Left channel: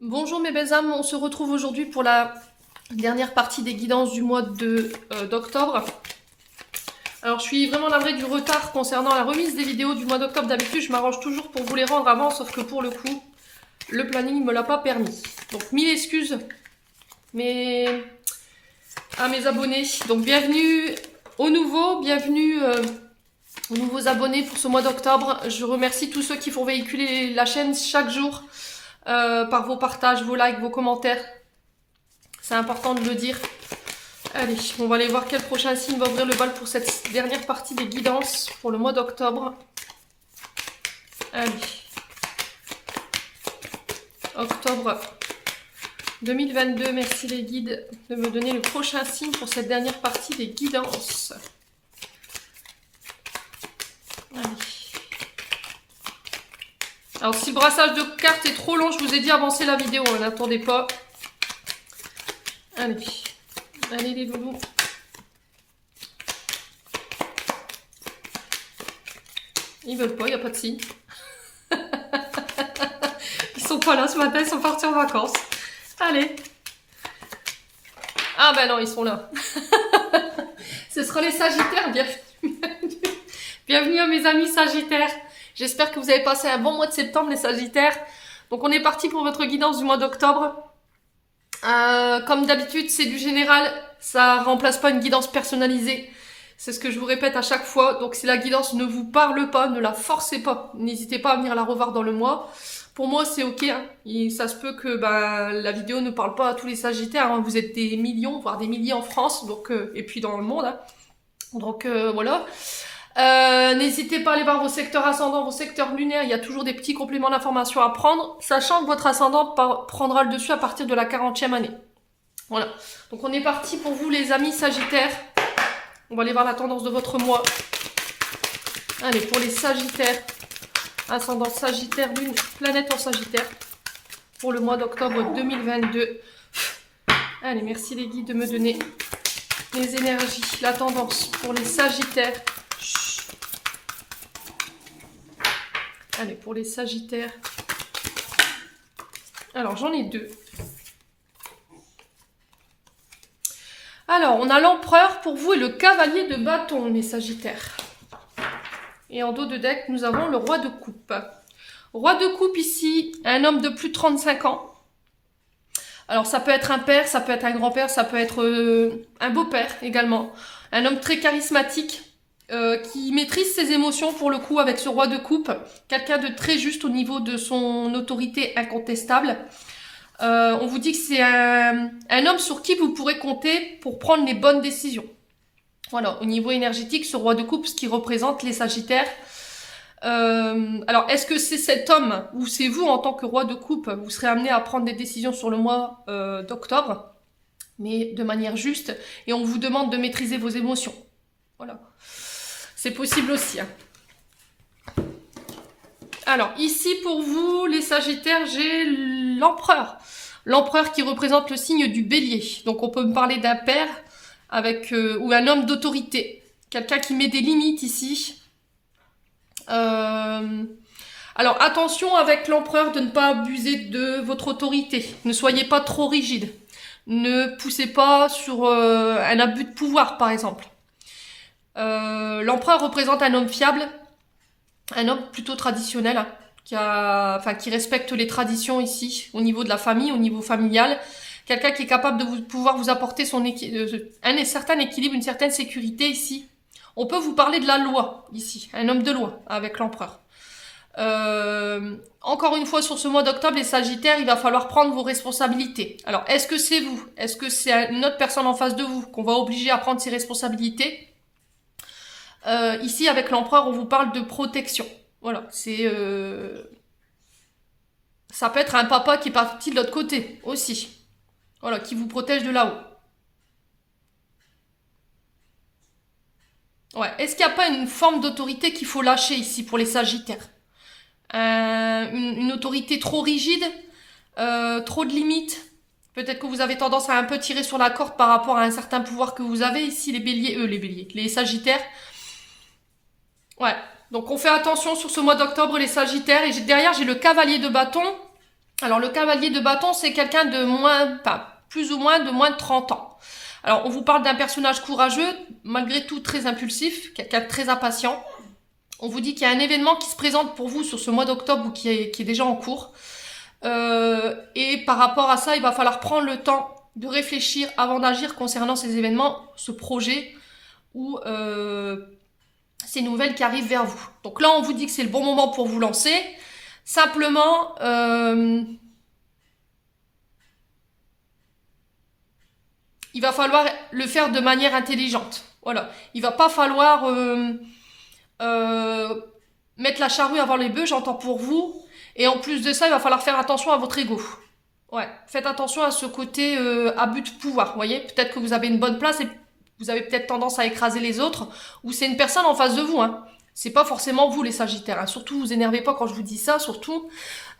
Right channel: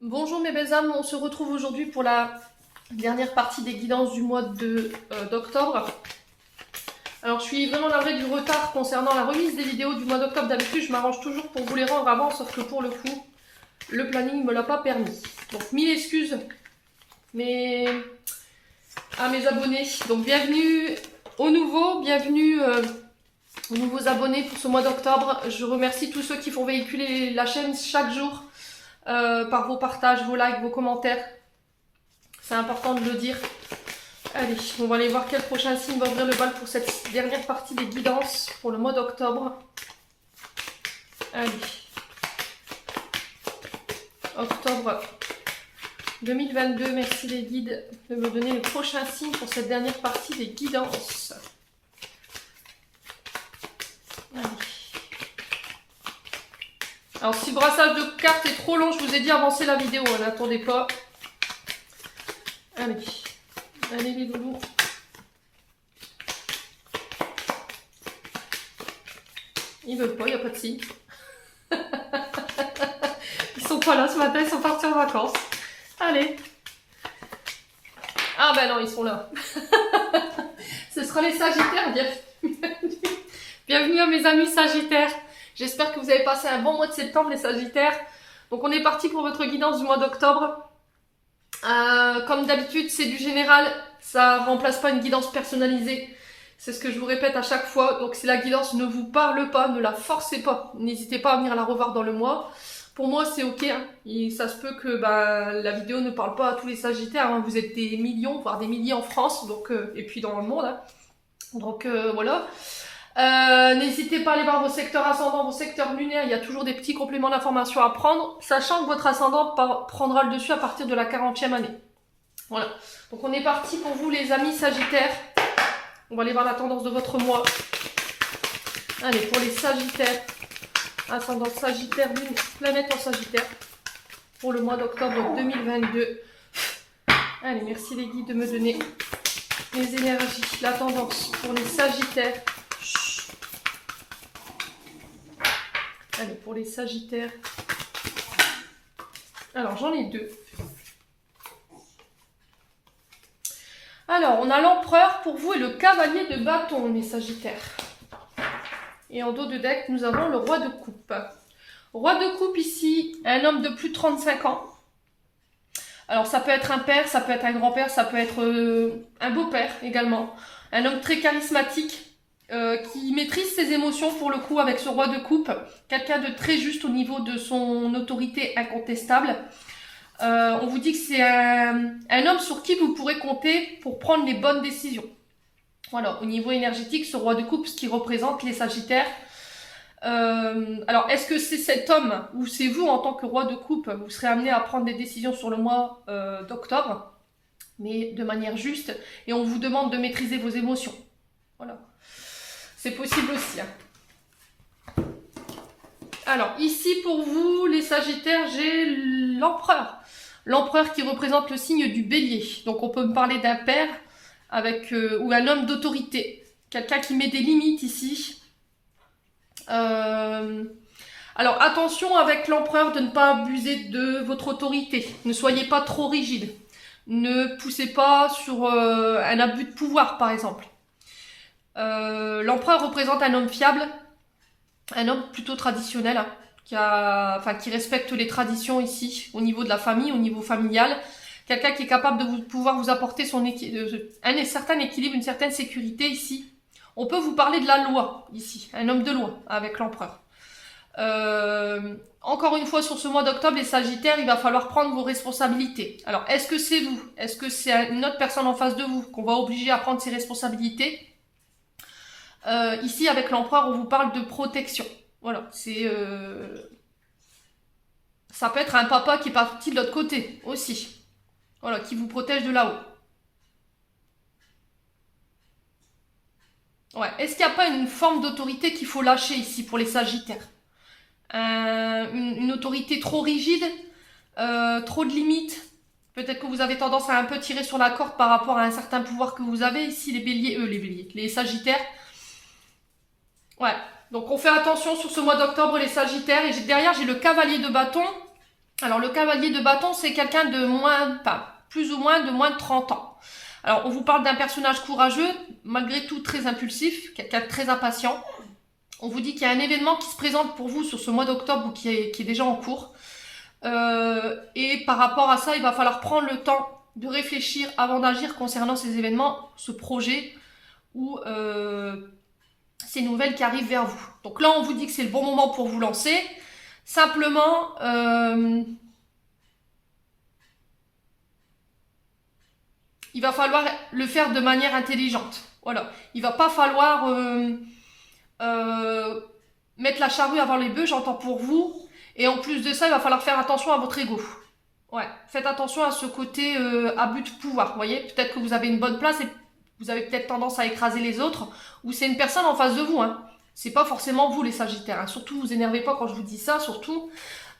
Bonjour mes belles âmes, on se retrouve aujourd'hui pour la dernière partie des guidances du mois d'octobre. Alors je suis vraiment navrée du retard concernant la remise des vidéos du mois d'octobre. D'habitude je m'arrange toujours pour vous les rendre avant, sauf que pour le coup, le planning ne me l'a pas permis. Donc mille excuses à mes abonnés. Donc bienvenue aux nouveaux, bienvenue aux nouveaux abonnés pour ce mois d'octobre. Je remercie tous ceux qui font véhiculer la chaîne chaque jour. Par vos partages, vos likes, vos commentaires. C'est important de le dire. Allez, on va aller voir quel prochain signe va ouvrir le bal pour cette dernière partie des guidances pour le mois d'octobre. Allez. Octobre 2022. Merci les guides de me donner le prochain signe pour cette dernière partie des guidances. Allez. Alors si le brassage de cartes est trop long, je vous ai dit avancer la vidéo, n'attendez pas. Allez, allez les loulous. Ils veulent pas, il n'y a pas de signe. Ils sont pas là ce matin, ils sont partis en vacances. Allez. Ah bah non, ils sont là. Ce sera les Sagittaires, bienvenue. Bienvenue à mes amis Sagittaires. J'espère que vous avez passé un bon mois de septembre les Sagittaires. Donc on est parti pour votre guidance du mois d'octobre. Comme d'habitude, c'est du général, ça remplace pas une guidance personnalisée. C'est ce que je vous répète à chaque fois. Donc si la guidance ne vous parle pas, ne la forcez pas. N'hésitez pas à venir la revoir dans le mois. Pour moi, c'est ok. Hein. Et ça se peut que la vidéo ne parle pas à tous les Sagittaires. Hein. Vous êtes des millions, voire des milliers en France, donc et puis dans le monde. Hein. Donc voilà. N'hésitez pas à aller voir vos secteurs ascendants, vos secteurs lunaires, il y a toujours des petits compléments d'information à prendre, sachant que votre ascendant prendra le dessus à partir de la 40e année. Voilà, donc on est parti pour vous les amis Sagittaires. On va aller voir la tendance de votre mois. Allez, pour les Sagittaires, ascendant Sagittaire, lune, planète en Sagittaire, pour le mois d'octobre 2022. Allez, merci les guides de me donner les énergies, la tendance pour les Sagittaires. Allez, pour les Sagittaires. Alors, j'en ai deux. Alors, on a l'Empereur pour vous et le Cavalier de bâton, les Sagittaires. Et en dos de deck, nous avons le Roi de coupe. Roi de coupe ici, un homme de plus de 35 ans. Alors, ça peut être un père, ça peut être un grand-père, ça peut être un beau-père également. Un homme très charismatique. Qui maîtrise ses émotions pour le coup avec ce roi de coupe, quelqu'un de très juste au niveau de son autorité incontestable. On vous dit que c'est un homme sur qui vous pourrez compter pour prendre les bonnes décisions. Voilà, au niveau énergétique, ce roi de coupe, ce qui représente les Sagittaires. Alors, est-ce que c'est cet homme ou c'est vous en tant que roi de coupe, vous serez amené à prendre des décisions sur le mois d'octobre, mais de manière juste, et on vous demande de maîtriser vos émotions. Voilà. C'est possible aussi. Hein. Alors, ici pour vous, les Sagittaires, j'ai l'Empereur. L'Empereur qui représente le signe du Bélier. Donc on peut me parler d'un père avec ou un homme d'autorité. Quelqu'un qui met des limites ici. Alors attention avec l'Empereur de ne pas abuser de votre autorité. Ne soyez pas trop rigide. Ne poussez pas sur un abus de pouvoir, par exemple. L'empereur représente un homme fiable, un homme plutôt traditionnel, hein, qui respecte les traditions ici, au niveau de la famille, au niveau familial. Quelqu'un qui est capable de pouvoir vous apporter un certain équilibre, une certaine sécurité ici. On peut vous parler de la loi ici, un homme de loi avec l'empereur. Encore une fois, sur ce mois d'octobre, les Sagittaires, il va falloir prendre vos responsabilités. Alors, est-ce que c'est vous? Est-ce que c'est une autre personne en face de vous qu'on va obliger à prendre ses responsabilités? Ici, avec l'empereur, on vous parle de protection. Voilà, c'est... Ça peut être un papa qui est parti de l'autre côté, aussi. Voilà, qui vous protège de là-haut. Ouais, est-ce qu'il n'y a pas une forme d'autorité qu'il faut lâcher ici pour les Sagittaires? Une autorité trop rigide, trop de limites. Peut-être que vous avez tendance à un peu tirer sur la corde par rapport à un certain pouvoir que vous avez ici, les Sagittaires. Ouais, donc on fait attention sur ce mois d'octobre, les Sagittaires. Et derrière, j'ai le Cavalier de bâton. Alors, le cavalier de bâton, c'est quelqu'un de moins, enfin, plus ou moins de moins de 30 ans. Alors, on vous parle d'un personnage courageux, malgré tout très impulsif, quelqu'un de très impatient. On vous dit qu'il y a un événement qui se présente pour vous sur ce mois d'octobre ou qui est déjà en cours. Et par rapport à ça, il va falloir prendre le temps de réfléchir avant d'agir concernant ces événements, ce projet ou ces nouvelles qui arrivent vers vous. Donc là, on vous dit que c'est le bon moment pour vous lancer. Simplement, il va falloir le faire de manière intelligente. Voilà. Il va pas falloir mettre la charrue avant les bœufs, j'entends pour vous. Et en plus de ça, il va falloir faire attention à votre ego. Ouais, faites attention à ce côté abus de pouvoir. Vous voyez, peut-être que vous avez une bonne place et vous avez peut-être tendance à écraser les autres, ou c'est une personne en face de vous. Hein. C'est pas forcément vous les Sagittaires. Hein. Surtout, vous énervez pas quand je vous dis ça. Surtout,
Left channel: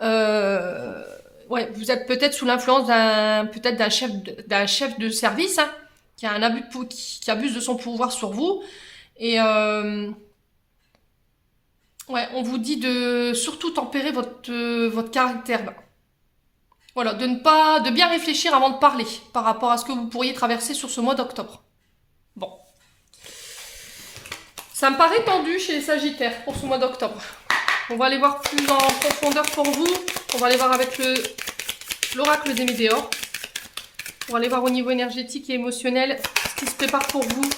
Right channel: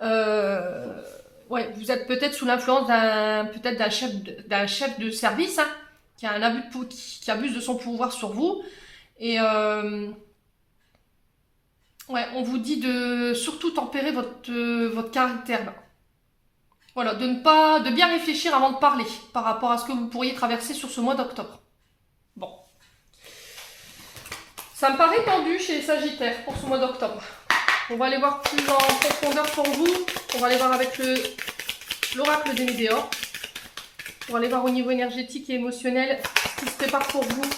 ouais, vous êtes peut-être sous l'influence d'un chef de service hein, qui a un abus qui abuse de son pouvoir sur vous. Et ouais, on vous dit de surtout tempérer votre caractère. Là. Voilà, de bien réfléchir avant de parler par rapport à ce que vous pourriez traverser sur ce mois d'octobre. Bon. Ça me paraît tendu chez les Sagittaires pour ce mois d'octobre. On va aller voir plus en profondeur pour vous. On va aller voir avec l'oracle des Météores. On va aller voir au niveau énergétique et émotionnel ce qui se prépare pour vous.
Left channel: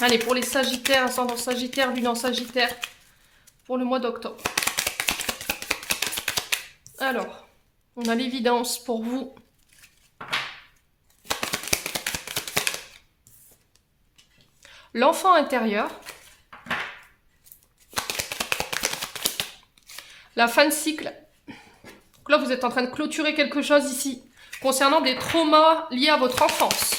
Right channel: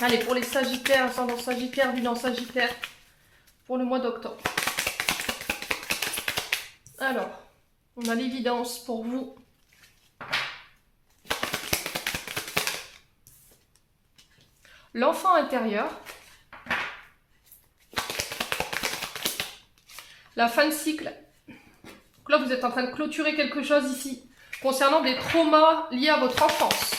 Allez, pour les Sagittaires, ascendant Sagittaire, lune en Sagittaire, pour le mois d'octobre. Alors, on a l'évidence pour vous. L'enfant intérieur. La fin de cycle. Donc là, vous êtes en train de clôturer quelque chose ici, concernant des traumas liés à votre enfance.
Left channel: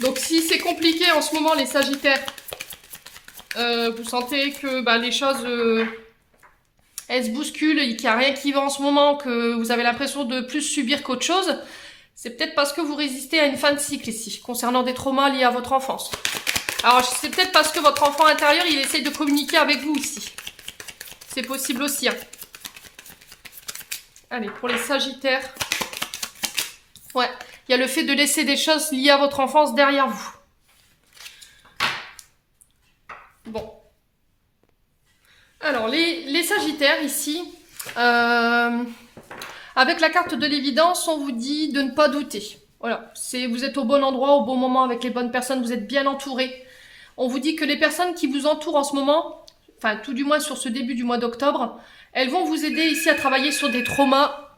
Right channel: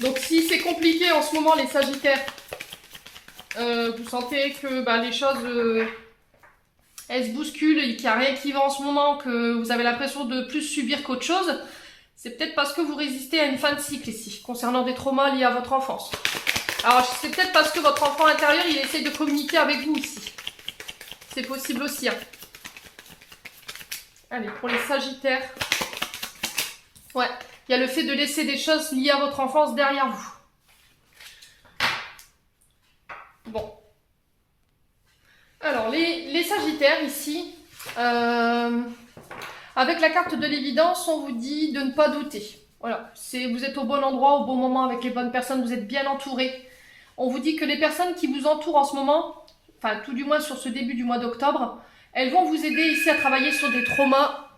Donc si c'est compliqué en ce moment, les Sagittaires, vous sentez que les choses... elle se bouscule et qu'il n'y a rien qui va en ce moment, que vous avez l'impression de plus subir qu'autre chose, c'est peut-être parce que vous résistez à une fin de cycle ici, concernant des traumas liés à votre enfance. Alors, c'est peut-être parce que votre enfant intérieur, il essaye de communiquer avec vous ici. C'est possible aussi. Hein. Allez, pour les Sagittaires. Ouais, il y a le fait de laisser des choses liées à votre enfance derrière vous. Bon. Alors, les Sagittaires, ici, avec la carte de l'évidence, on vous dit de ne pas douter. Voilà, vous êtes au bon endroit, au bon moment, avec les bonnes personnes, vous êtes bien entourés. On vous dit que les personnes qui vous entourent en ce moment, enfin, tout du moins sur ce début du mois d'octobre, elles vont vous aider ici à travailler sur des traumas.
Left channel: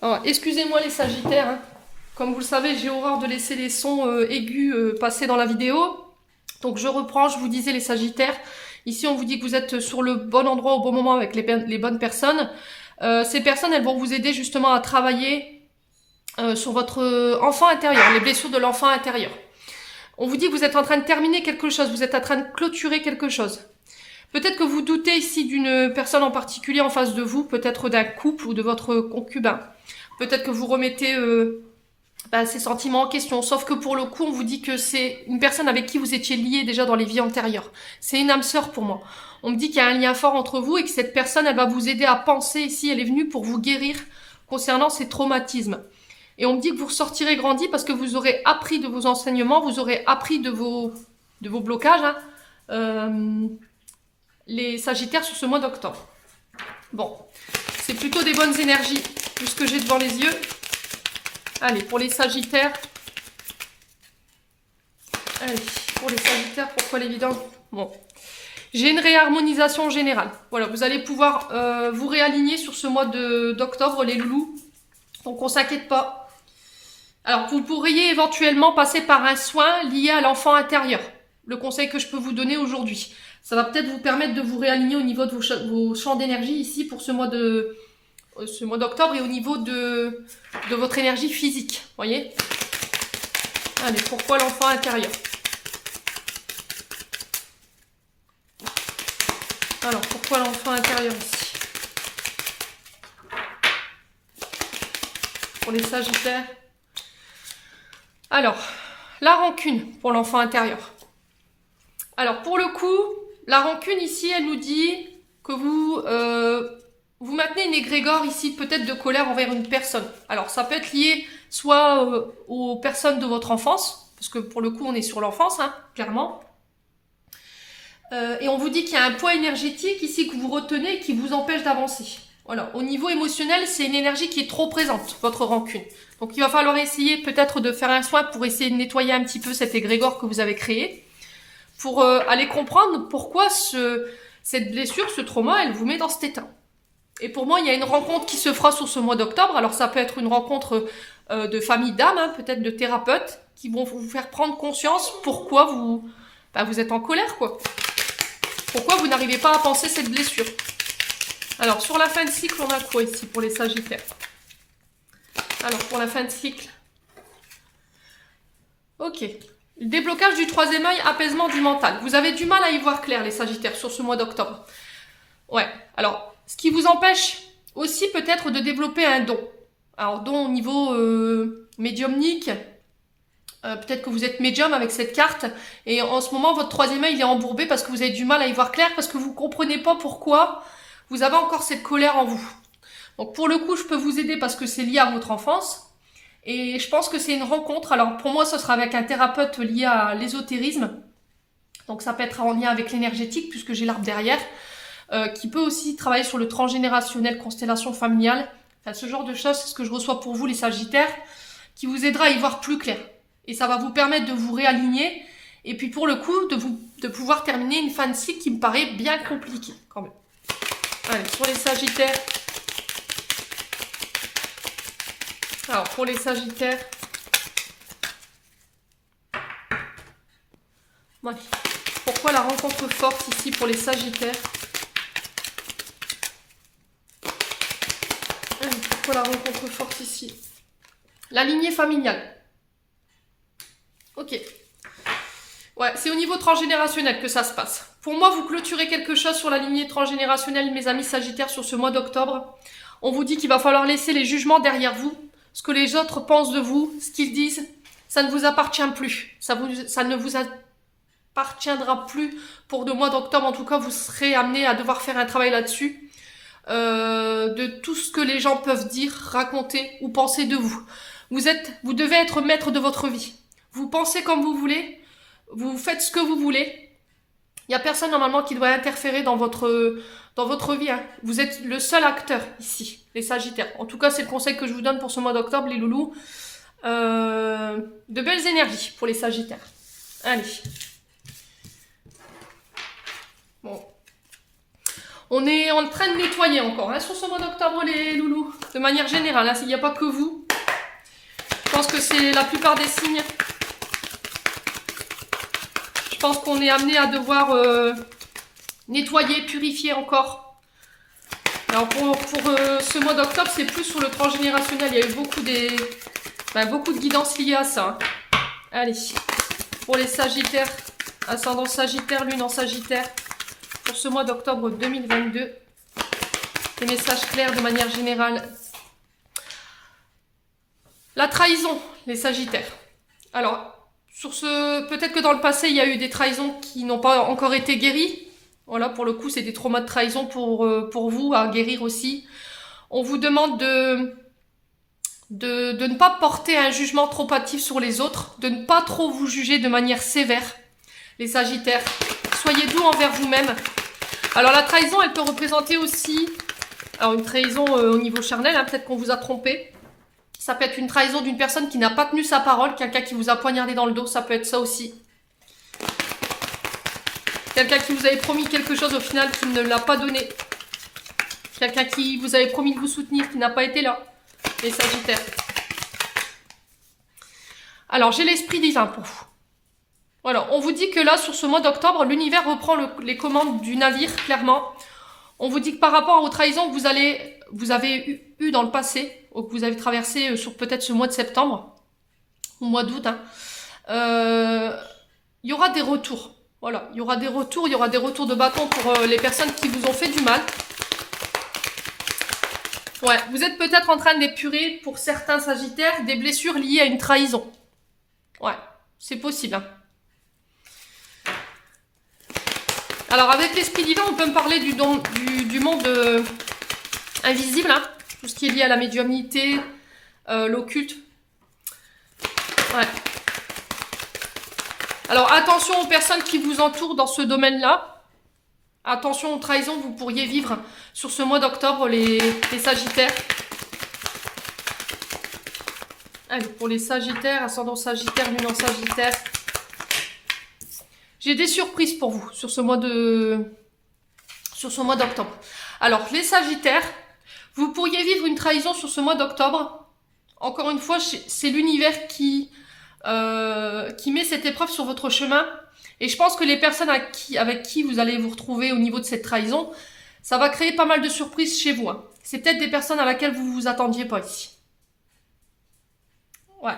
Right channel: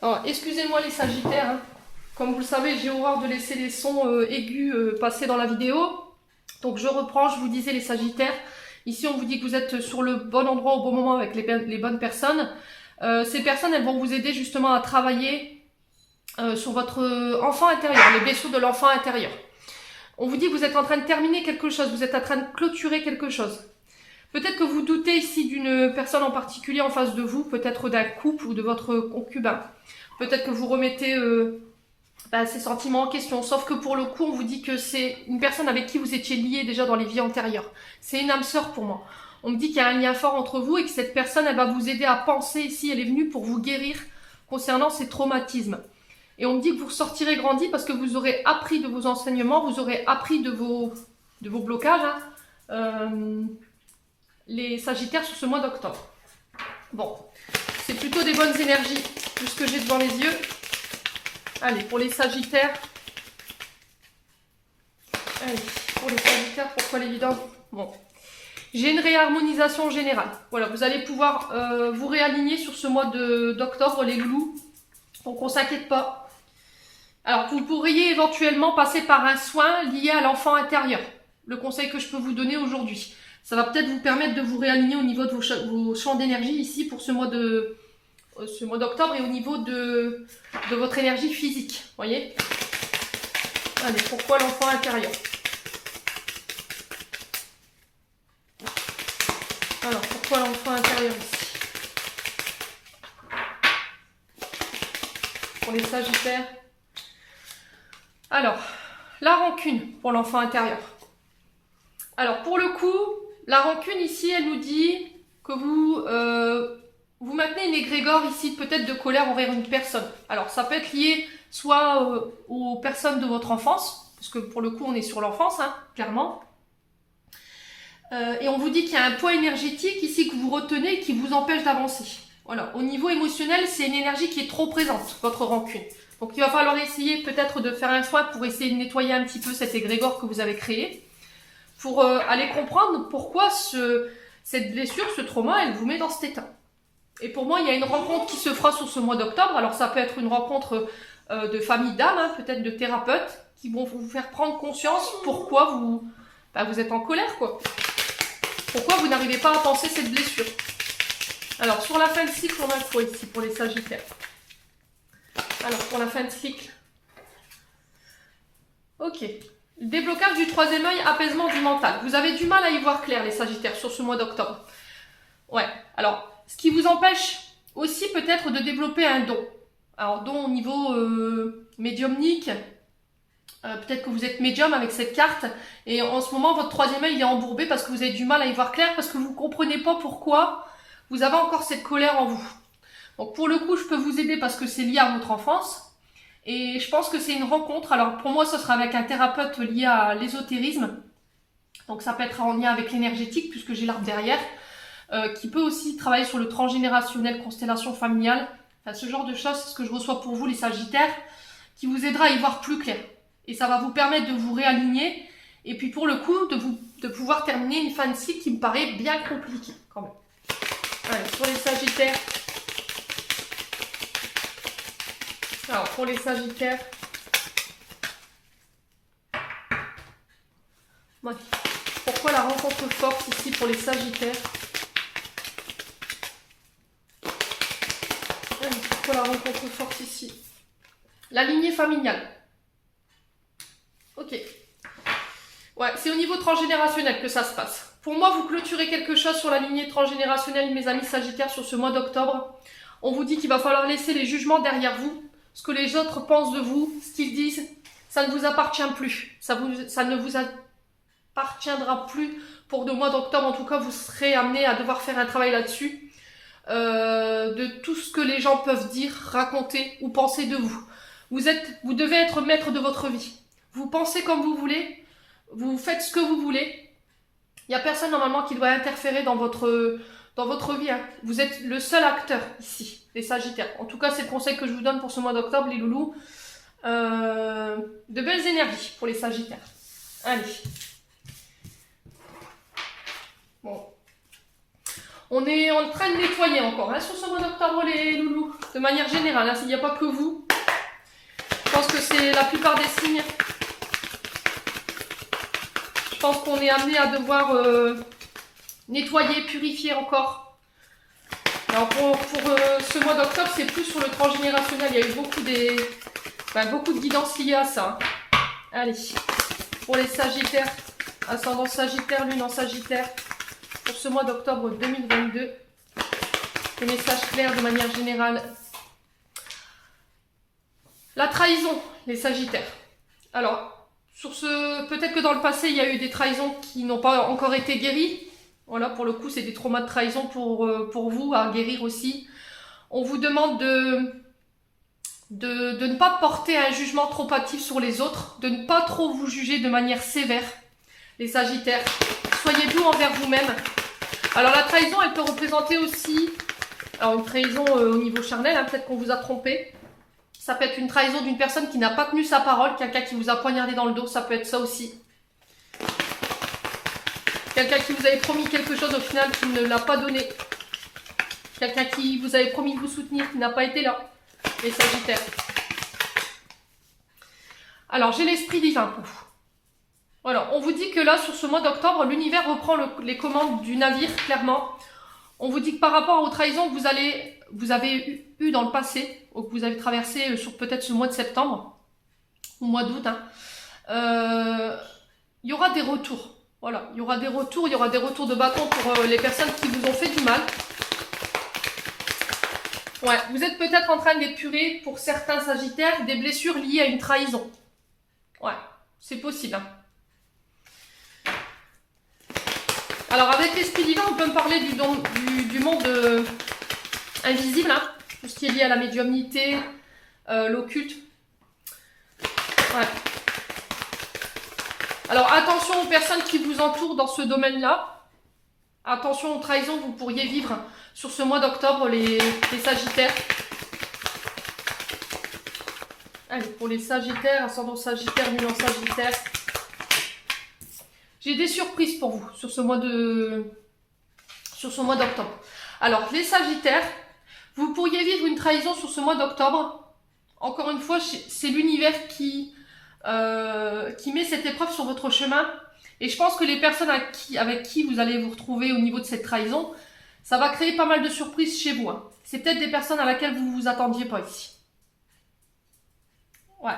Alors, excusez-moi les Sagittaires, hein. Comme vous le savez, j'ai horreur de laisser les sons aigus passer dans la vidéo. Donc, je reprends, je vous disais les Sagittaires. Ici, on vous dit que vous êtes sur le bon endroit au bon moment avec les bonnes personnes. Ces personnes, elles vont vous aider justement à travailler sur votre enfant intérieur, les blessures de l'enfant intérieur. On vous dit que vous êtes en train de terminer quelque chose, vous êtes en train de clôturer quelque chose. Peut-être que vous doutez ici d'une personne en particulier en face de vous, peut-être d'un couple ou de votre concubin. Peut-être que vous remettez ces sentiments en question, sauf que pour le coup, on vous dit que c'est une personne avec qui vous étiez lié déjà dans les vies antérieures. C'est une âme sœur pour moi. On me dit qu'il y a un lien fort entre vous et que cette personne, elle va vous aider à penser ici, elle est venue pour vous guérir concernant ces traumatismes. Et on me dit que vous ressortirez grandi parce que vous aurez appris de vos enseignements, vous aurez appris de vos blocages, hein, les Sagittaires sur ce mois d'octobre. Bon, c'est plutôt des bonnes énergies, tout ce que j'ai devant les yeux. Allez, pour les Sagittaires. Allez, pour les Sagittaires, pourquoi l'évidence? Bon. J'ai une réharmonisation générale. Voilà, vous allez pouvoir vous réaligner sur ce mois d'octobre, les loulous. Donc, on ne s'inquiète pas. Alors, vous pourriez éventuellement passer par un soin lié à l'enfant intérieur. Le conseil que je peux vous donner aujourd'hui. Ça va peut-être vous permettre de vous réaligner au niveau de vos champs d'énergie ici pour ce mois d'octobre et au niveau de votre énergie physique. Voyez? Allez, pourquoi l'enfant intérieur? Alors, pourquoi l'enfant intérieur ici? Pour les Sagittaires. Alors, la rancune pour l'enfant intérieur. Alors, pour le coup, la rancune ici, elle nous dit que vous maintenez une égrégore ici, peut-être de colère envers une personne. Alors, ça peut être lié soit aux personnes de votre enfance, parce que pour le coup, on est sur l'enfance, hein, clairement. Et on vous dit qu'il y a un poids énergétique ici que vous retenez et qui vous empêche d'avancer. Voilà. Au niveau émotionnel, c'est une énergie qui est trop présente, votre rancune. Donc, il va falloir essayer peut-être de faire un soin pour essayer de nettoyer un petit peu cet égrégore que vous avez créé, pour aller comprendre pourquoi cette blessure, ce trauma, elle vous met dans cet état. Et pour moi, il y a une rencontre qui se fera sur ce mois d'octobre. Alors, ça peut être une rencontre de famille d'âme, hein, peut-être de thérapeutes, qui vont vous faire prendre conscience pourquoi vous êtes en colère, quoi. Pourquoi vous n'arrivez pas à penser cette blessure. Alors, sur la fin de cycle, on a quoi ici pour les Sagittaires? Alors, pour la fin de cycle. Ok. Le déblocage du troisième œil, apaisement du mental. Vous avez du mal à y voir clair, les Sagittaires, sur ce mois d'octobre. Ouais. Alors, ce qui vous empêche aussi peut-être de développer un don. Alors, don au niveau médiumnique. Peut-être que vous êtes médium avec cette carte. Et en ce moment, votre troisième œil, il est embourbé parce que vous avez du mal à y voir clair, parce que vous ne comprenez pas pourquoi vous avez encore cette colère en vous. Donc, pour le coup, je peux vous aider parce que c'est lié à votre enfance. Et je pense que c'est une rencontre. Alors, pour moi, ce sera avec un thérapeute lié à l'ésotérisme. Donc, ça peut être en lien avec l'énergétique, puisque j'ai l'arbre derrière. Qui peut aussi travailler sur le transgénérationnel, constellation familiale. Enfin, ce genre de choses, c'est ce que je reçois pour vous, les Sagittaires, qui vous aidera à y voir plus clair. Et ça va vous permettre de vous réaligner. Et puis, pour le coup, de pouvoir terminer une fin de cycle qui me paraît bien compliquée, quand même. Allez, pour les Sagittaires. Alors, pour les Sagittaires. Ouais. Pourquoi la rencontre forte ici pour les Sagittaires? Pourquoi la rencontre forte ici? La lignée familiale. Ok. Ouais, c'est au niveau transgénérationnel que ça se passe. Pour moi, vous clôturez quelque chose sur la lignée transgénérationnelle, mes amis Sagittaires, sur ce mois d'octobre. On vous dit qu'il va falloir laisser les jugements derrière vous. Ce que les autres pensent de vous, ce qu'ils disent, ça ne vous appartient plus. Ça ne vous appartiendra plus pour le mois d'octobre. En tout cas, vous serez amené à devoir faire un travail là-dessus. De tout ce que les gens peuvent dire, raconter ou penser de vous. Vous devez être maître de votre vie. Vous pensez comme vous voulez, vous faites ce que vous voulez. Il n'y a personne normalement qui doit interférer dans votre vie. Hein. Vous êtes le seul acteur ici, les Sagittaires. En tout cas, c'est le conseil que je vous donne pour ce mois d'octobre, les loulous. De belles énergies pour les Sagittaires. Allez. Bon. On est en train de nettoyer encore hein, sur ce mois d'octobre, les loulous. De manière générale, hein, il n'y a pas que vous. Je pense que c'est la plupart des signes. Je pense qu'on est amené à devoir nettoyer, purifier encore. Alors pour ce mois d'octobre, c'est plus sur le transgénérationnel. Il y a eu beaucoup de guidances liées à ça. Allez, pour les Sagittaires, ascendant Sagittaire, lune en Sagittaire. Pour ce mois d'octobre 2022, des messages clairs de manière générale. La trahison, les Sagittaires. Alors, peut-être que dans le passé, il y a eu des trahisons qui n'ont pas encore été guéries. Voilà, pour le coup, c'est des traumas de trahison pour vous à guérir aussi. On vous demande de ne pas porter un jugement trop hâtif sur les autres, de ne pas trop vous juger de manière sévère, les Sagittaires. Soyez doux envers vous-même. Alors la trahison, elle peut représenter aussi une trahison au niveau charnel, hein, peut-être qu'on vous a trompé. Ça peut être une trahison d'une personne qui n'a pas tenu sa parole, quelqu'un qui vous a poignardé dans le dos, ça peut être ça aussi. Quelqu'un qui vous avait promis quelque chose au final qui ne l'a pas donné. Quelqu'un qui vous avait promis de vous soutenir qui n'a pas été là. Les Sagittaires. Alors j'ai l'esprit divin pour vous. Voilà, on vous dit que là, sur ce mois d'octobre, l'univers reprend les commandes du navire, clairement. On vous dit que par rapport aux trahisons que vous avez eu dans le passé, ou que vous avez traversé sur peut-être ce mois de septembre, ou mois d'août, hein, il y aura des retours. Voilà, il y aura des retours de bâton pour les personnes qui vous ont fait du mal. Ouais, vous êtes peut-être en train d'épurer, pour certains Sagittaires, des blessures liées à une trahison. Ouais, c'est possible, hein. Alors avec l'esprit divin, on peut me parler du monde invisible, hein, tout ce qui est lié à la médiumnité, l'occulte. Ouais. Alors attention aux personnes qui vous entourent dans ce domaine-là. Attention aux trahisons que vous pourriez vivre sur ce mois d'octobre, les Sagittaires. Allez, pour les Sagittaires, ascendant Sagittaire, lune en Sagittaire. J'ai des surprises pour vous sur ce mois d'octobre. Alors, les Sagittaires, vous pourriez vivre une trahison sur ce mois d'octobre. Encore une fois, c'est l'univers qui met cette épreuve sur votre chemin. Et je pense que les personnes avec qui vous allez vous retrouver au niveau de cette trahison, ça va créer pas mal de surprises chez vous. Hein. C'est peut-être des personnes à laquelle vous ne vous attendiez pas ici. Ouais.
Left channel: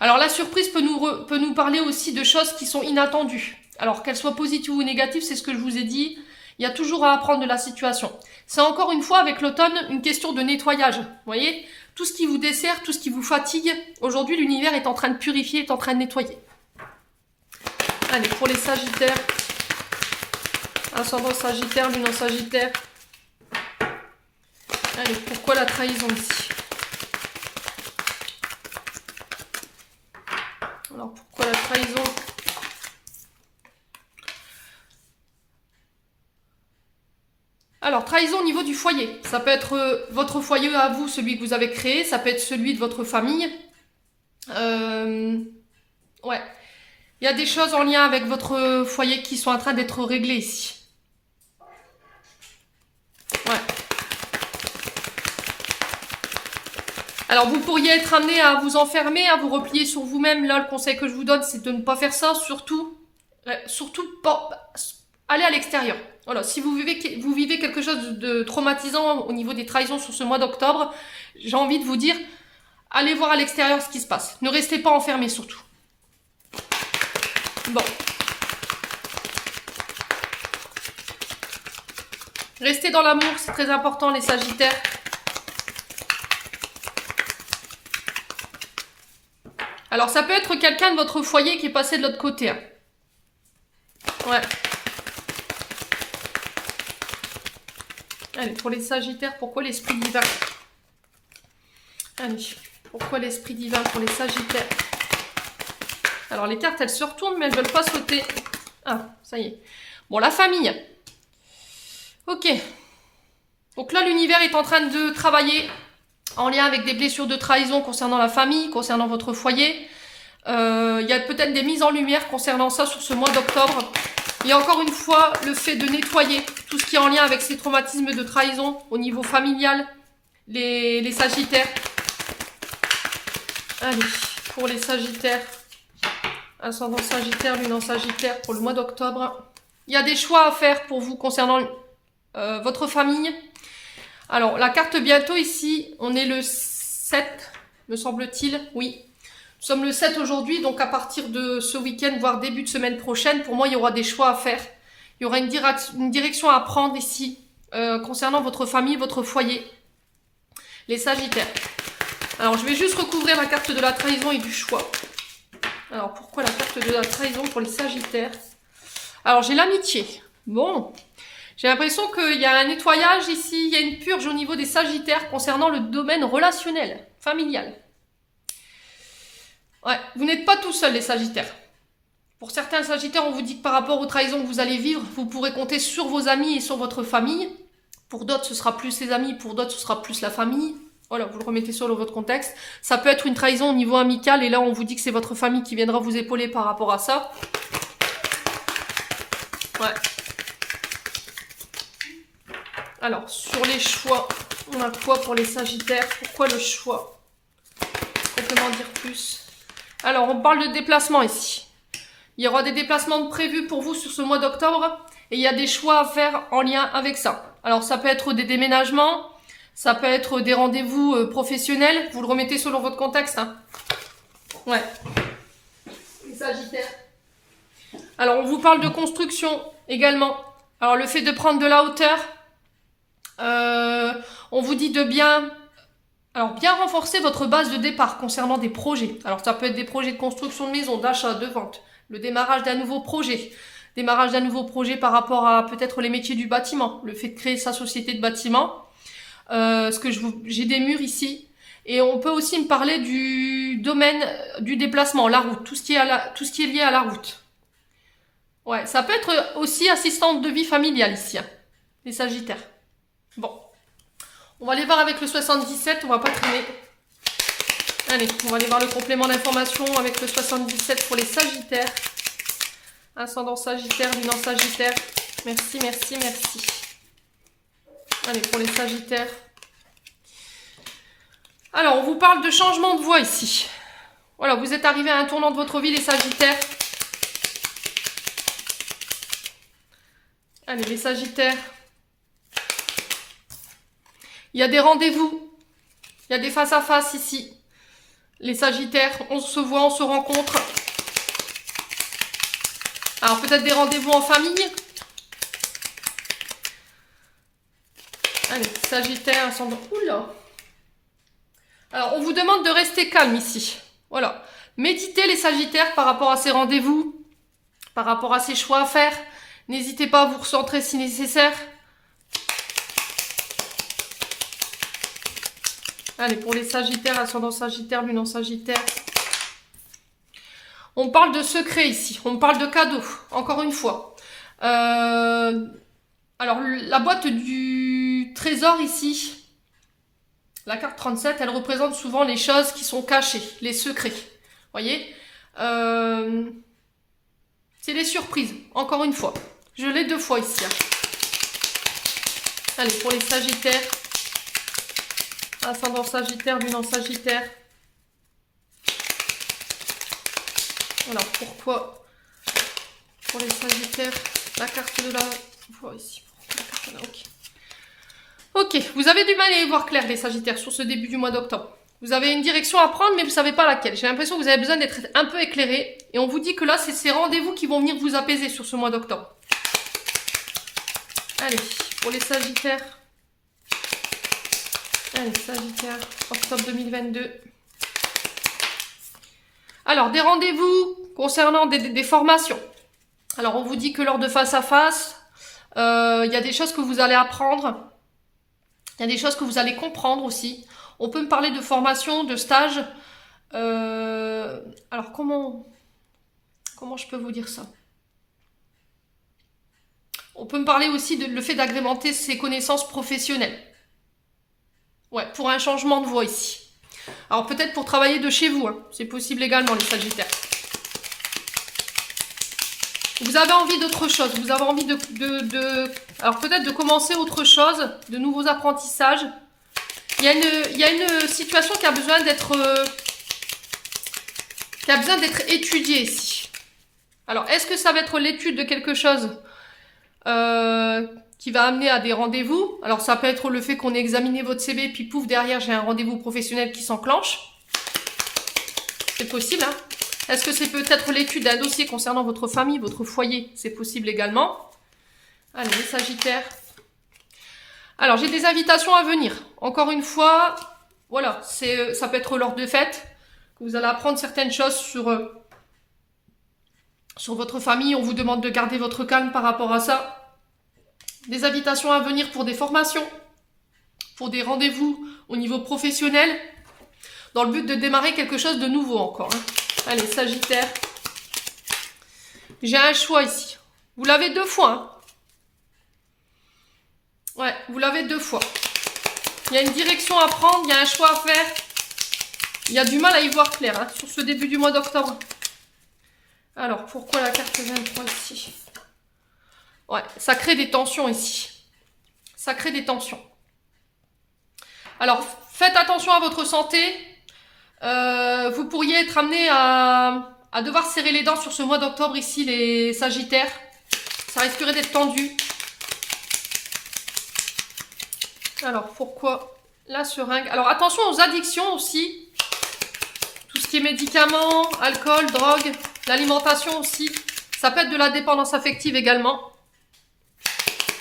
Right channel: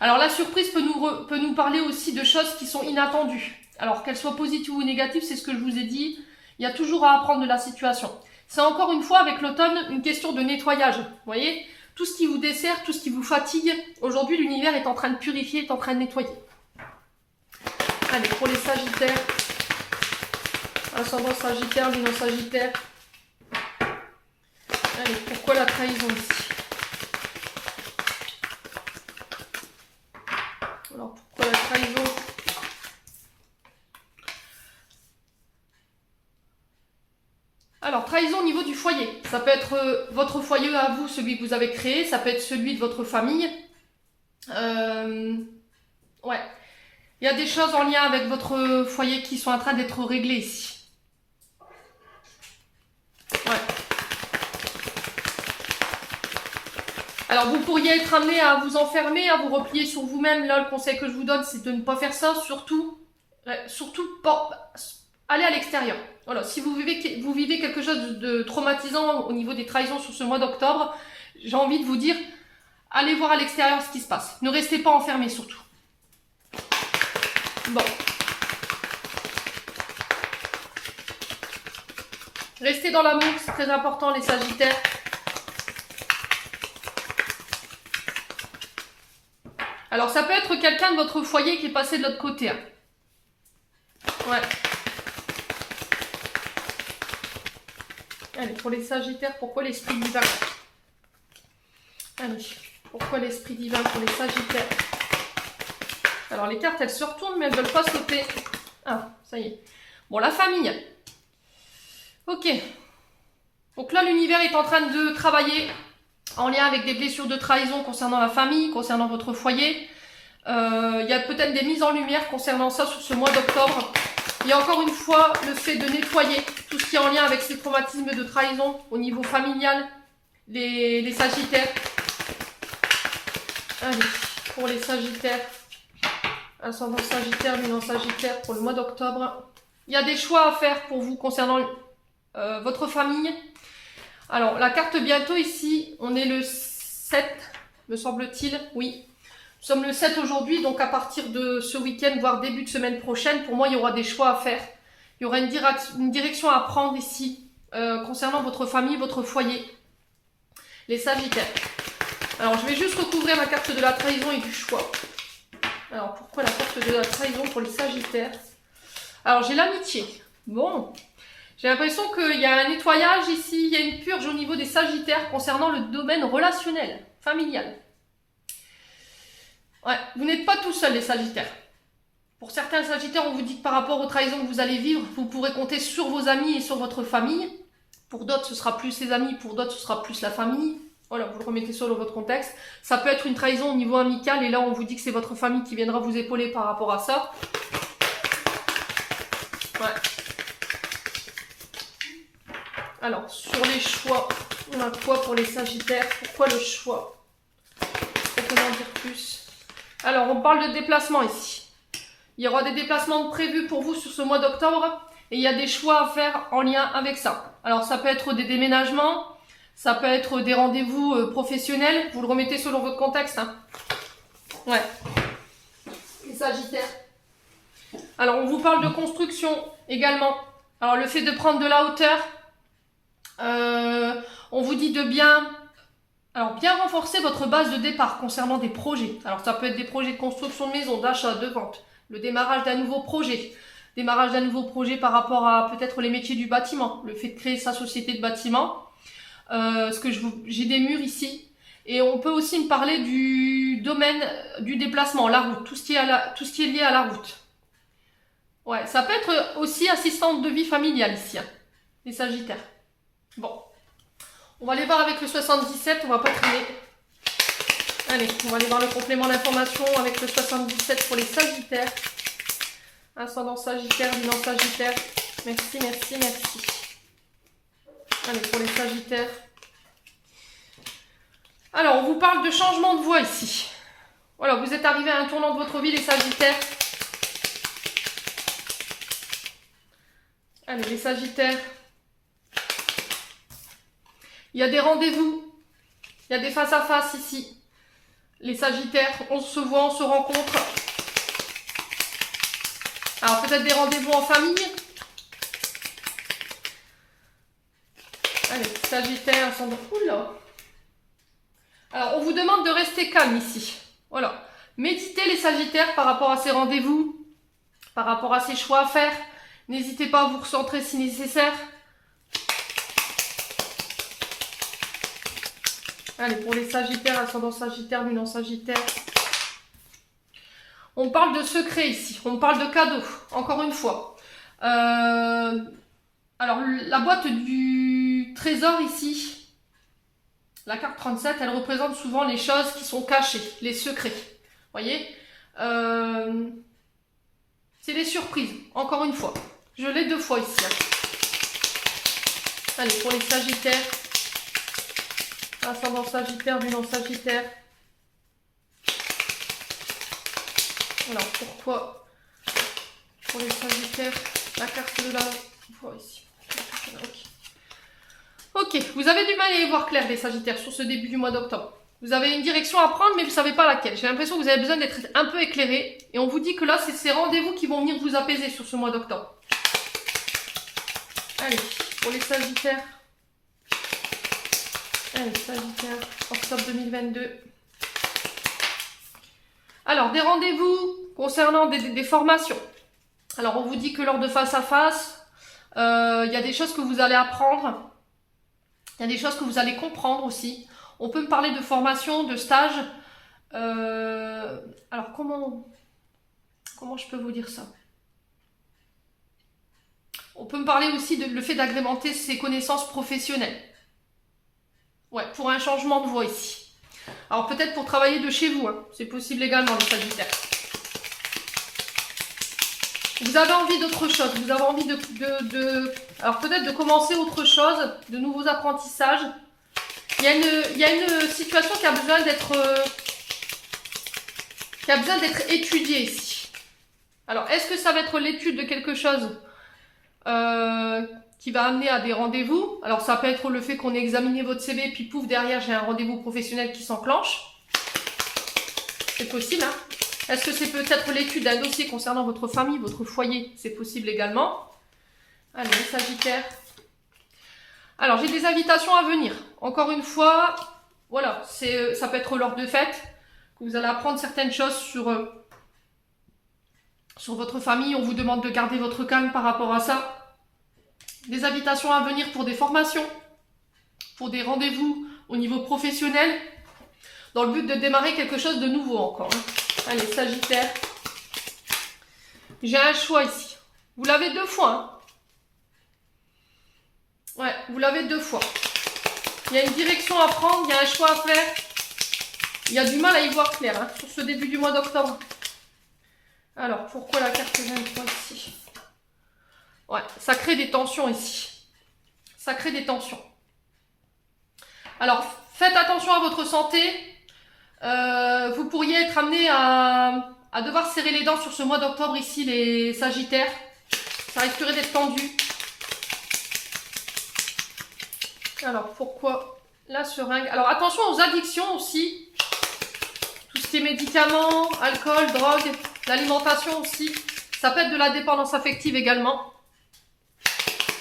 Alors la surprise peut nous parler aussi de choses qui sont inattendues. Alors qu'elles soient positives ou négatives, c'est ce que je vous ai dit. Il y a toujours à apprendre de la situation. C'est encore une fois avec l'automne une question de nettoyage. Vous voyez ? Tout ce qui vous dessert, tout ce qui vous fatigue, aujourd'hui l'univers est en train de purifier, est en train de nettoyer. Allez, pour les Sagittaires, ascendant Sagittaire, lune en Sagittaire. Allez, pourquoi la trahison ici? Alors, pourquoi la trahison? Alors, trahison au niveau du foyer. Ça peut être votre foyer à vous, celui que vous avez créé. Ça peut être celui de votre famille. Ouais. Il y a des choses en lien avec votre foyer qui sont en train d'être réglées ici. Ouais. Alors, vous pourriez être amené à vous enfermer, à vous replier sur vous-même. Là, le conseil que je vous donne, c'est de ne pas faire ça. Surtout pas aller à l'extérieur. Voilà, si vous vivez quelque chose de traumatisant au niveau des trahisons sur ce mois d'octobre, j'ai envie de vous dire, allez voir à l'extérieur ce qui se passe. Ne restez pas enfermés surtout. Bon. Restez dans l'amour, c'est très important les Sagittaires. Alors ça peut être quelqu'un de votre foyer qui est passé de l'autre côté. Hein. Ouais. Allez, pour les Sagittaires, pourquoi l'esprit divin? Allez, pourquoi l'esprit divin pour les Sagittaires? Alors les cartes, elles se retournent, mais elles ne veulent pas sauter. Ah, ça y est. Bon, la famille. Ok. Donc là, l'univers est en train de travailler en lien avec des blessures de trahison concernant la famille, concernant votre foyer. Il y a peut-être des mises en lumière concernant ça sur ce mois d'octobre. Et encore une fois, le fait de nettoyer tout ce qui est en lien avec ces traumatismes de trahison au niveau familial, les Sagittaires. Allez, pour les Sagittaires, ascendant Sagittaire, lune en Sagittaire pour le mois d'octobre. Il y a des choix à faire pour vous concernant votre famille. Alors, la carte bientôt ici, on est le 7, me semble-t-il, oui. Nous sommes le 7 aujourd'hui, donc à partir de ce week-end, voire début de semaine prochaine, pour moi, il y aura des choix à faire. Il y aura une direction à prendre ici, concernant votre famille, votre foyer. Les Sagittaires. Alors, je vais juste recouvrir la carte de la trahison et du choix. Alors, pourquoi la carte de la trahison pour les Sagittaires? Alors, j'ai l'amitié. Bon, j'ai l'impression qu'il y a un nettoyage ici, il y a une purge au niveau des Sagittaires concernant le domaine relationnel, familial. Ouais, vous n'êtes pas tout seul les Sagittaires. Pour certains Sagittaires, on vous dit que par rapport aux trahisons que vous allez vivre, vous pourrez compter sur vos amis et sur votre famille. Pour d'autres, ce sera plus les amis, pour d'autres, ce sera plus la famille. Voilà, vous le remettez sur votre contexte. Ça peut être une trahison au niveau amical, et là, on vous dit que c'est votre famille qui viendra vous épauler par rapport à ça. Ouais. Alors, sur les choix, on a quoi pour les Sagittaires? Pourquoi le choix? Comment dire plus? Alors, on parle de déplacement ici. Il y aura des déplacements prévus pour vous sur ce mois d'octobre, et il y a des choix à faire en lien avec ça. Alors, ça peut être des déménagements, ça peut être des rendez-vous professionnels. Vous le remettez selon votre contexte. Hein. Ouais. Les Sagittaires. Alors, on vous parle de construction également. Alors, le fait de prendre de la hauteur, on vous dit de bien renforcer votre base de départ concernant des projets. Alors, ça peut être des projets de construction de maison, d'achat, de vente, le démarrage d'un nouveau projet. Démarrage d'un nouveau projet par rapport à peut-être les métiers du bâtiment, le fait de créer sa société de bâtiment. parce que j'ai des murs ici. Et on peut aussi me parler du domaine du déplacement, la route, tout ce qui est lié à la route. Ouais, ça peut être aussi assistante de vie familiale ici, hein, les Sagittaires. Bon, on va aller voir avec le 77, on va pas traîner. Allez, on va aller voir le complément d'information avec le 77 pour les Sagittaires. Ascendant Sagittaire, Lunan Sagittaire. Merci, merci, merci. Allez, pour les Sagittaires. Alors, on vous parle de changement de voie ici. Voilà, vous êtes arrivé à un tournant de votre vie, les Sagittaires. Allez, les Sagittaires. Il y a des rendez-vous. Il y a des face-à-face ici. Les Sagittaires, on se voit, on se rencontre. Alors, peut-être des rendez-vous en famille. Allez, Sagittaire, ascendant. Oula! Alors, on vous demande de rester calme ici. Voilà. Méditez les Sagittaires par rapport à ces rendez-vous, par rapport à ces choix à faire. N'hésitez pas à vous recentrer si nécessaire. Allez, pour les Sagittaires, ascendant Sagittaire, Lunan Sagittaire. On parle de secrets ici, on parle de cadeaux, encore une fois. Alors, la boîte du trésor ici, la carte 37, elle représente souvent les choses qui sont cachées, les secrets. Voyez, c'est les surprises, encore une fois. Je l'ai 2 fois ici. Allez, pour les Sagittaires, ascendant Sagittaire, Lunan Sagittaire. Voilà, pourquoi pour les Sagittaires, la carte de la voie ici. Ok, vous avez du mal à y voir clair les Sagittaires sur ce début du mois d'octobre. Vous avez une direction à prendre mais vous ne savez pas laquelle. J'ai l'impression que vous avez besoin d'être un peu éclairé. Et on vous dit que là, c'est ces rendez-vous qui vont venir vous apaiser sur ce mois d'octobre. Allez, pour les Sagittaires. Allez, Sagittaire, octobre 2022. Alors, des rendez-vous concernant des formations. Alors, on vous dit que lors de face-à-face, il y a des choses que vous allez apprendre. Il y a des choses que vous allez comprendre aussi. On peut me parler de formation, de stage. Alors, comment je peux vous dire ça? On peut me parler aussi de le fait d'agrémenter ses connaissances professionnelles. Ouais, pour un changement de voie ici. Alors peut-être pour travailler de chez vous, hein. C'est possible également les Sagittaires. Vous avez envie d'autre chose, vous avez envie alors peut-être de commencer autre chose, de nouveaux apprentissages. Il y a une situation qui a besoin d'être étudiée ici. Alors est-ce que ça va être l'étude de quelque chose qui va amener à des rendez-vous? Alors ça peut être le fait qu'on ait examiné votre CV, puis pouf, derrière j'ai un rendez-vous professionnel qui s'enclenche. C'est possible, hein. Est-ce que c'est peut-être l'étude d'un dossier concernant votre famille, votre foyer? C'est possible également. Allez, les Sagittaires. Alors j'ai des invitations à venir. Encore une fois, voilà, ça peut être lors de fêtes, que vous allez apprendre certaines choses sur votre famille. On vous demande de garder votre calme par rapport à ça. Des invitations à venir pour des formations, pour des rendez-vous au niveau professionnel, dans le but de démarrer quelque chose de nouveau encore. Allez, Sagittaire. J'ai un choix ici. Vous l'avez 2 fois. Hein. Ouais, vous l'avez 2 fois. Il y a une direction à prendre, il y a un choix à faire. Il y a du mal à y voir clair hein, sur ce début du mois d'octobre. Alors, pourquoi la carte 23 ici? Ouais, ça crée des tensions ici. Ça crée des tensions. Alors, faites attention à votre santé. Vous pourriez être amené à devoir serrer les dents sur ce mois d'octobre ici, les Sagittaires. Ça risquerait d'être tendu. Alors, pourquoi la seringue? Alors, attention aux addictions aussi. Tout ce qui est médicaments, alcool, drogue, l'alimentation aussi. Ça peut être de la dépendance affective également.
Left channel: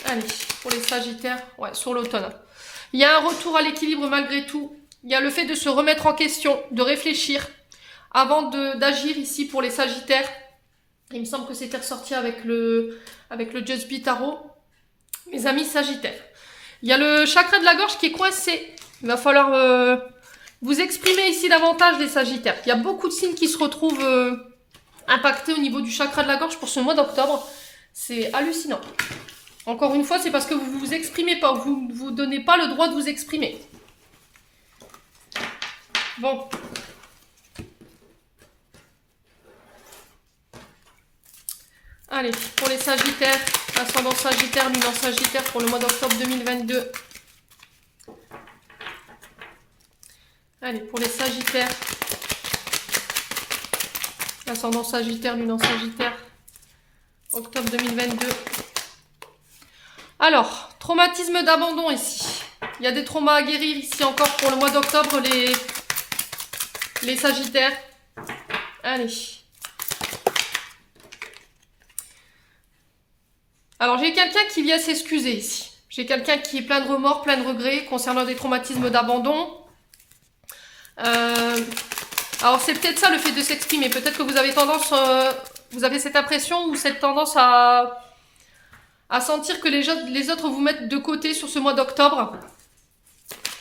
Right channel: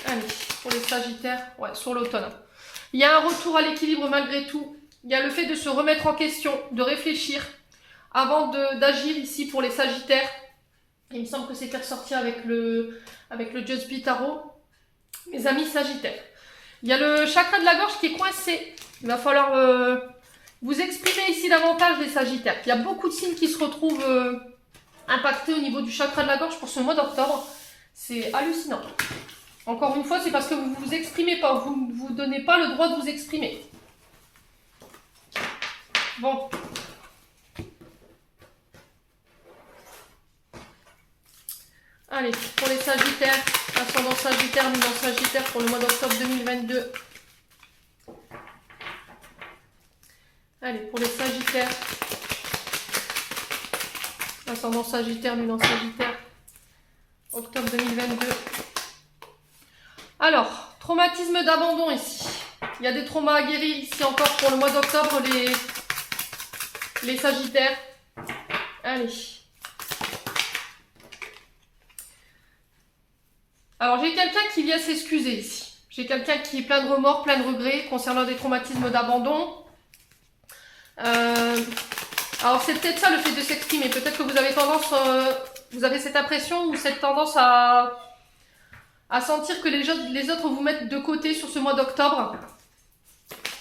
Allez, pour les Sagittaires, ouais, sur l'automne. Il y a un retour à l'équilibre malgré tout. Il y a le fait de se remettre en question, de réfléchir avant d'agir ici pour les Sagittaires. Il me semble que c'était ressorti avec le Just Be Tarot. Mes amis Sagittaires. Il y a le chakra de la gorge qui est coincé. Il va falloir vous exprimer ici davantage des Sagittaires. Il y a beaucoup de signes qui se retrouvent impactés au niveau du chakra de la gorge pour ce mois d'octobre. C'est hallucinant. Encore une fois, c'est parce que vous ne vous exprimez pas. Vous ne vous donnez pas le droit de vous exprimer. Bon. Allez, pour les Sagittaires, ascendant Sagittaire, lune en Sagittaire pour le mois d'octobre 2022. Allez, pour les Sagittaires, ascendant Sagittaire, lune en Sagittaire, octobre 2022. Alors, traumatisme d'abandon ici. Il y a des traumas à guérir ici encore pour le mois d'octobre, les Sagittaires. Allez. Alors, j'ai quelqu'un qui vient s'excuser ici. J'ai quelqu'un qui est plein de remords, plein de regrets concernant des traumatismes d'abandon. Alors, c'est peut-être ça le fait de s'exprimer. Peut-être que vous avez tendance, vous avez cette impression ou cette tendance à sentir que les autres vous mettent de côté sur ce mois d'octobre.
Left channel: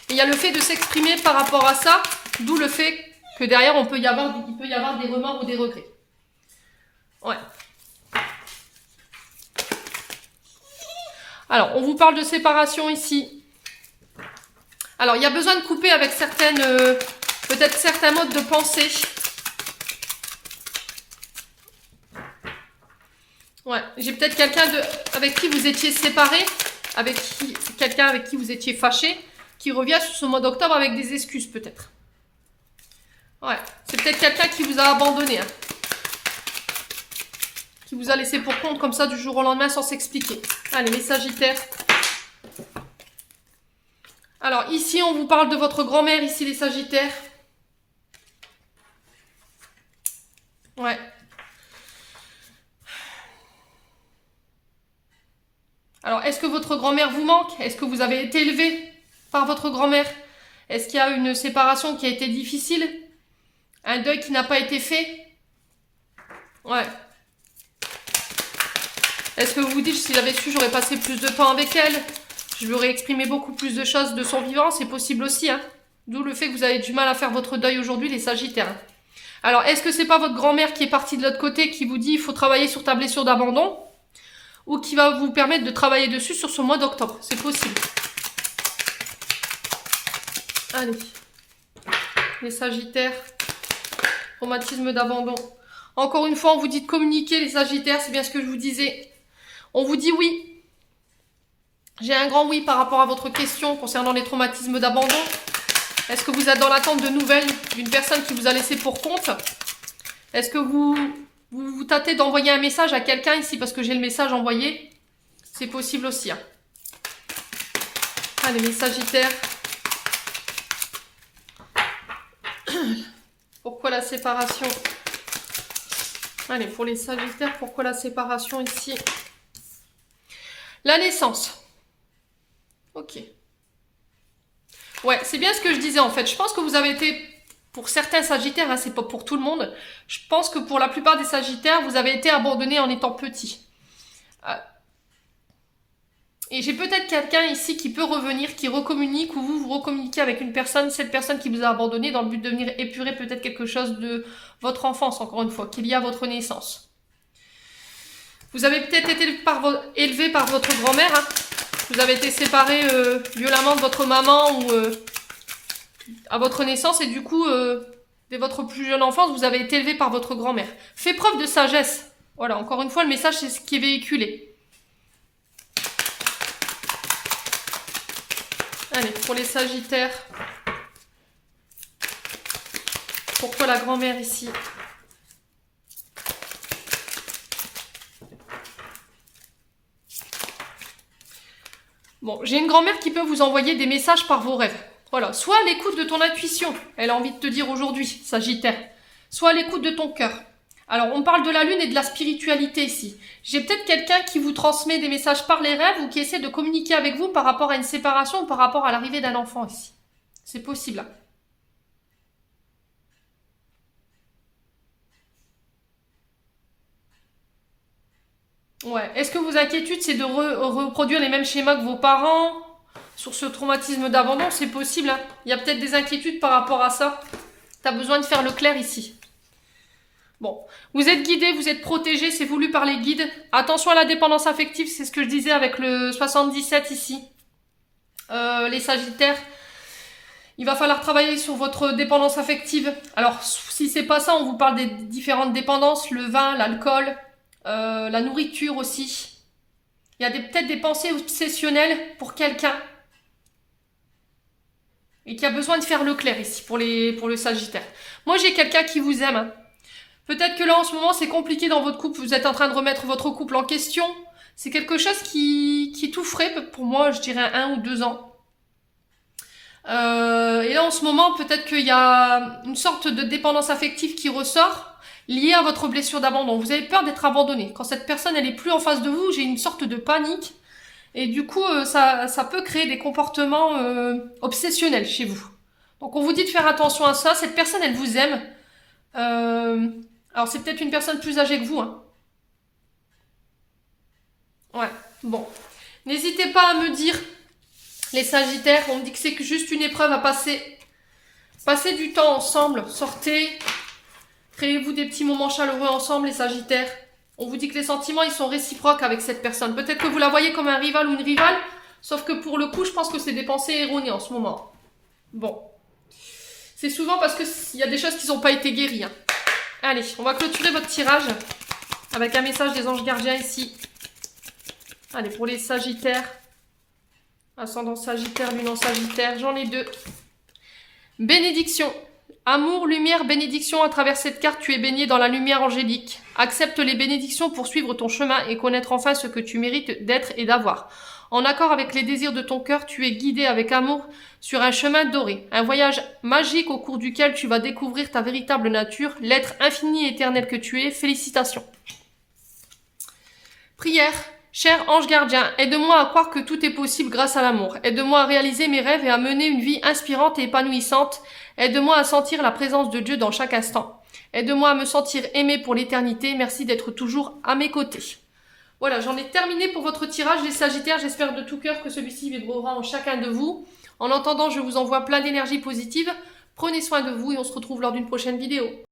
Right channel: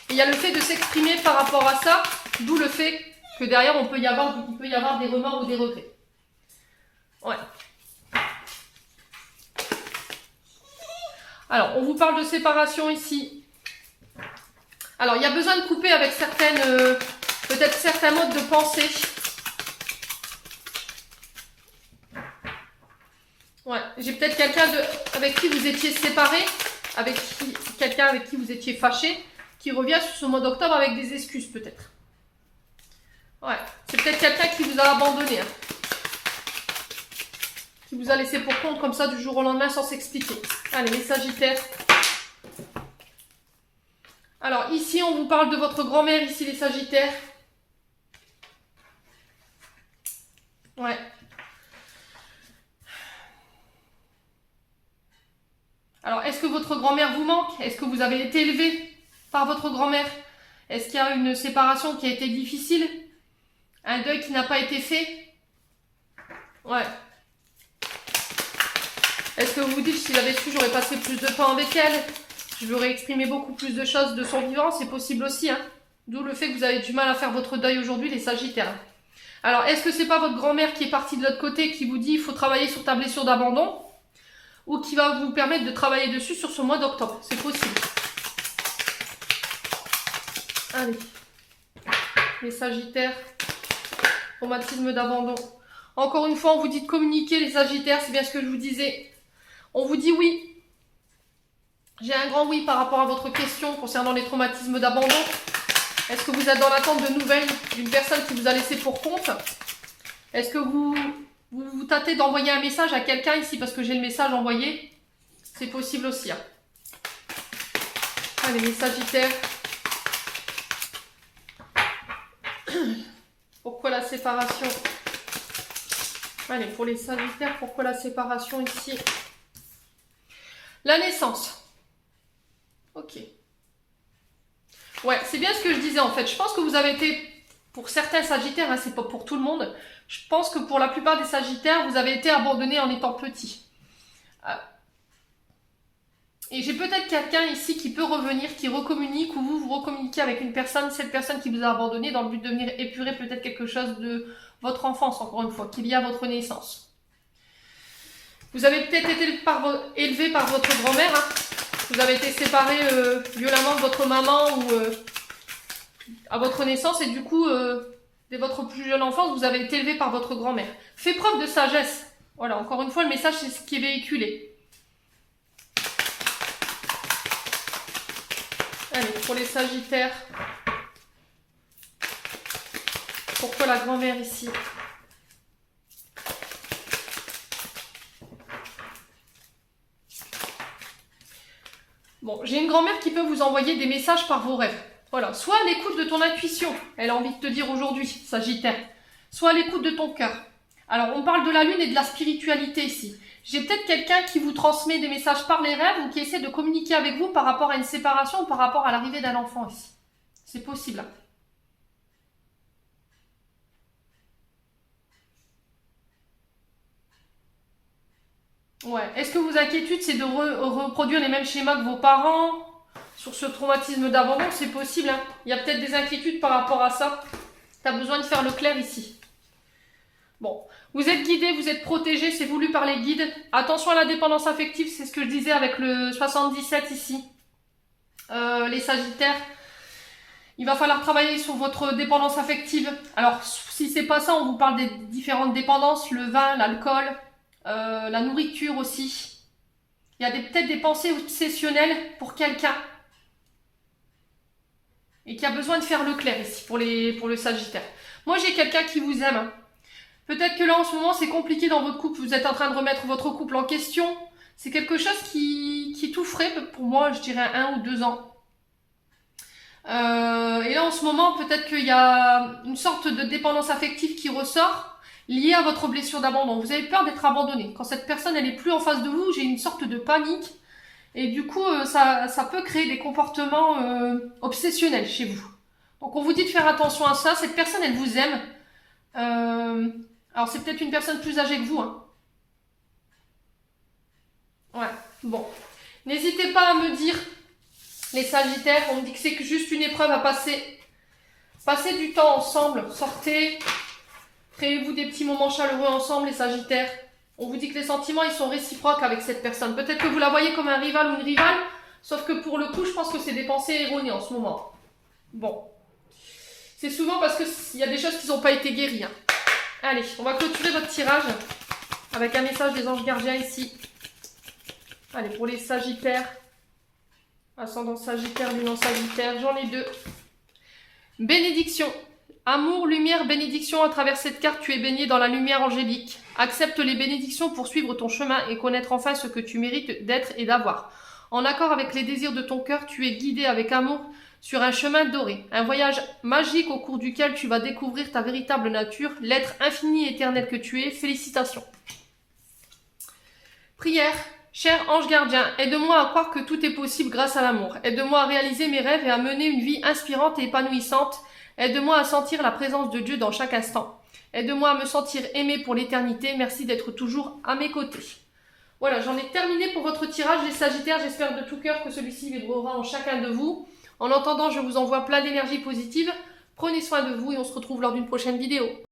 Et il y a le fait de s'exprimer par rapport à ça, d'où le fait que derrière, il peut y avoir des remords ou des regrets. Ouais. Alors, on vous parle de séparation ici. Alors, il y a besoin de couper avec peut-être certains modes de pensée. Ouais, j'ai peut-être quelqu'un avec qui vous étiez séparé, quelqu'un avec qui vous étiez fâché, qui revient sur ce mois d'octobre avec des excuses peut-être. Ouais, c'est peut-être quelqu'un qui vous a abandonné, hein, qui vous a laissé pour compte comme ça du jour au lendemain sans s'expliquer. Allez, les Sagittaires. Alors ici, on vous parle de votre grand-mère, ici les Sagittaires. Ouais. Alors, est-ce que votre grand-mère vous manque? Est-ce que vous avez été élevé par votre grand-mère? Est-ce qu'il y a une séparation qui a été difficile? Un deuil qui n'a pas été fait? Ouais. Est-ce que vous vous dites, si j'avais su, j'aurais passé plus de temps avec elle? Je lui aurais exprimé beaucoup plus de choses de son vivant? C'est possible aussi, hein. D'où le fait que vous avez du mal à faire votre deuil aujourd'hui, les Sagittaires. Alors, est-ce que c'est pas votre grand-mère qui est partie de l'autre côté, qui vous dit, il faut travailler sur ta blessure d'abandon? Ou qui va vous permettre de travailler dessus sur ce mois d'octobre? C'est possible. Allez. Les Sagittaires. Traumatisme d'abandon. Encore une fois, on vous dit de communiquer, les Sagittaires. C'est bien ce que je vous disais. On vous dit oui. J'ai un grand oui par rapport à votre question concernant les traumatismes d'abandon. Est-ce que vous êtes dans l'attente de nouvelles d'une personne qui vous a laissé pour compte? Est-ce que vous tâtez d'envoyer un message à quelqu'un ici parce que j'ai le message envoyé? C'est possible aussi, hein. Allez, les Sagittaires. Pourquoi la séparation? Allez, pour les Sagittaires, pourquoi la séparation ici? La naissance. Ok. Ouais, c'est bien ce que je disais en fait. Je pense que vous avez été, pour certains Sagittaires, hein, c'est pas pour tout le monde, je pense que pour la plupart des Sagittaires, vous avez été abandonnés en étant petit. Et j'ai peut-être quelqu'un ici qui peut revenir, qui recommunique, ou vous recommuniquez avec une personne, cette personne qui vous a abandonné, dans le but de venir épurer peut-être quelque chose de votre enfance, encore une fois, qu'il y a à votre naissance. Vous avez peut-être été élevé par votre grand-mère, hein. Vous avez été séparé violemment de votre maman ou à votre naissance et du coup, dès votre plus jeune enfance, vous avez été élevé par votre grand-mère. Faites preuve de sagesse. Voilà, encore une fois, le message, c'est ce qui est véhiculé. Allez, pour les Sagittaires. Pourquoi la grand-mère ici? Bon, j'ai une grand-mère qui peut vous envoyer des messages par vos rêves. Voilà, soit à l'écoute de ton intuition, elle a envie de te dire aujourd'hui, Sagittaire, soit à l'écoute de ton cœur. Alors, on parle de la lune et de la spiritualité ici. J'ai peut-être quelqu'un qui vous transmet des messages par les rêves ou qui essaie de communiquer avec vous par rapport à une séparation ou par rapport à l'arrivée d'un enfant ici. C'est possible. Ouais. Est-ce que vos inquiétudes, c'est de reproduire les mêmes schémas que vos parents? sur ce traumatisme d'abandon, c'est possible. Hein. Il y a peut-être des inquiétudes par rapport à ça. Tu as besoin de faire le clair ici. Bon, vous êtes guidé, vous êtes protégé, c'est voulu par les guides. Attention à la dépendance affective, c'est ce que je disais avec le 77 ici. Les Sagittaires, il va falloir travailler sur votre dépendance affective. Alors, si c'est pas ça, on vous parle des différentes dépendances, le vin, l'alcool, la nourriture aussi. Il y a peut-être des pensées obsessionnelles pour quelqu'un. Et qui a besoin de faire le clair ici, pour le Sagittaire. Moi, j'ai quelqu'un qui vous aime. Peut-être que là, en ce moment, c'est compliqué dans votre couple. Vous êtes en train de remettre votre couple en question. C'est quelque chose qui tout frais, pour moi, je dirais 1 ou 2 ans. Et là, en ce moment, peut-être qu'il y a une sorte de dépendance affective qui ressort, liée à votre blessure d'abandon. Vous avez peur d'être abandonné. Quand cette personne, elle est plus en face de vous, j'ai une sorte de panique. Et du coup, ça peut créer des comportements obsessionnels chez vous. Donc, on vous dit de faire attention à ça. Cette personne, elle vous aime. Alors, c'est peut-être une personne plus âgée que vous. Hein. Ouais, bon. N'hésitez pas à me dire, les Sagittaires, on me dit que c'est juste une épreuve à passer. Passez du temps ensemble, sortez. Créez-vous des petits moments chaleureux ensemble, les Sagittaires. On vous dit que les sentiments, ils sont réciproques avec cette personne. Peut-être que vous la voyez comme un rival ou une rivale, sauf que pour le coup, je pense que c'est des pensées erronées en ce moment. Bon. C'est souvent parce qu'il y a des choses qui n'ont pas été guéries. Hein. Allez, on va clôturer votre tirage avec un message des anges gardiens ici. Allez, pour les Sagittaires. Ascendant Sagittaire, lune en Sagittaire, j'en ai 2. Bénédiction. Amour, lumière, bénédiction, à travers cette carte, tu es baigné dans la lumière angélique. Accepte les bénédictions pour suivre ton chemin et connaître enfin ce que tu mérites d'être et d'avoir. En accord avec les désirs de ton cœur, tu es guidé avec amour sur un chemin doré. Un voyage magique au cours duquel tu vas découvrir ta véritable nature, l'être infini et éternel que tu es. Félicitations. Prière. Cher ange gardien, aide-moi à croire que tout est possible grâce à l'amour. Aide-moi à réaliser mes rêves et à mener une vie inspirante et épanouissante. Aide-moi à sentir la présence de Dieu dans chaque instant. Aide-moi à me sentir aimé pour l'éternité. Merci d'être toujours à mes côtés. Voilà, j'en ai terminé pour votre tirage, les Sagittaires. J'espère de tout cœur que celui-ci vibrera en chacun de vous. En attendant, je vous envoie plein d'énergie positive. Prenez soin de vous et on se retrouve lors d'une prochaine vidéo.